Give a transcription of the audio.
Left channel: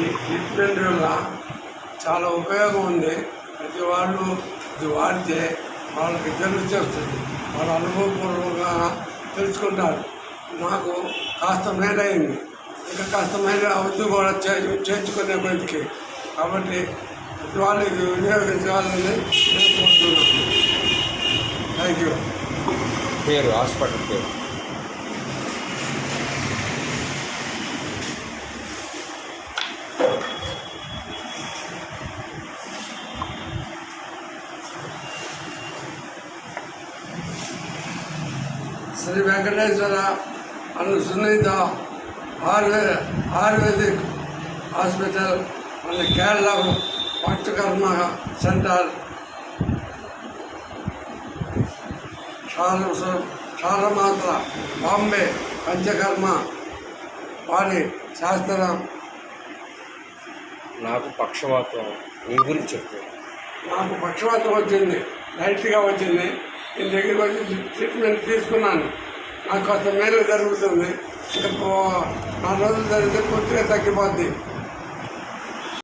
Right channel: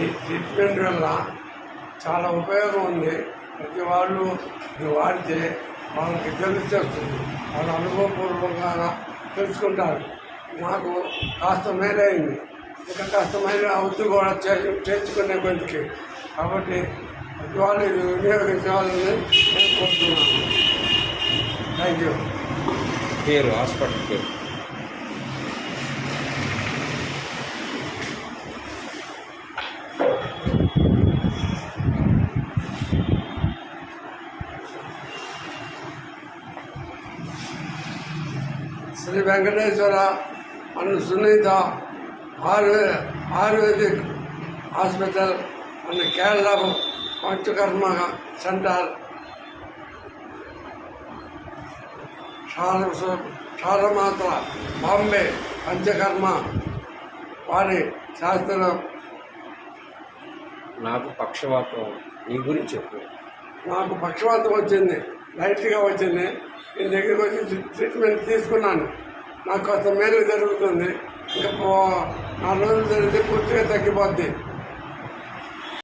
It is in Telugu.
ఈ ట్రీట్మెంట్ వల్ల చాలా ఉపయోగం ఉంది. ప్రతి వాళ్ళు ఇది వాడితే వాళ్ళకి తెలిసి వస్తుంది, వాళ్ళ అనుభవపూర్వకంగా తెలుసుకుంటారు. నాకు కాస్త మేలైంది, ఇంకా కాస్త మేలు అవుతూ కూడా చేర్చుకునే కొద్దికి. కాబట్టి ప్రతి వాళ్ళు ఇది వినియోగించాలని నేను కోరుతున్నాను. Thank you. పేరు హాస్పిటల్ పేరు? Shri Venkateswara and Sunitha ayurvedic hospital and Kerala panchakarma centre, సారమాత్ర బాంబే పంచకర్మ వారి శాస్త్రం. నాకు పక్షవాతం, నీ గురించి చెప్పు. నాకు పక్షవాతం వచ్చింది, లైట్గా వచ్చింది. నేను దగ్గరికి వచ్చి ట్రీట్మెంట్ తీసుకున్నాను. నాకు కొంత మేలు జరుగుతుంది. ఇంకా 4 రోజులు జరిగితే పూర్తిగా తగ్గిపోద్ది.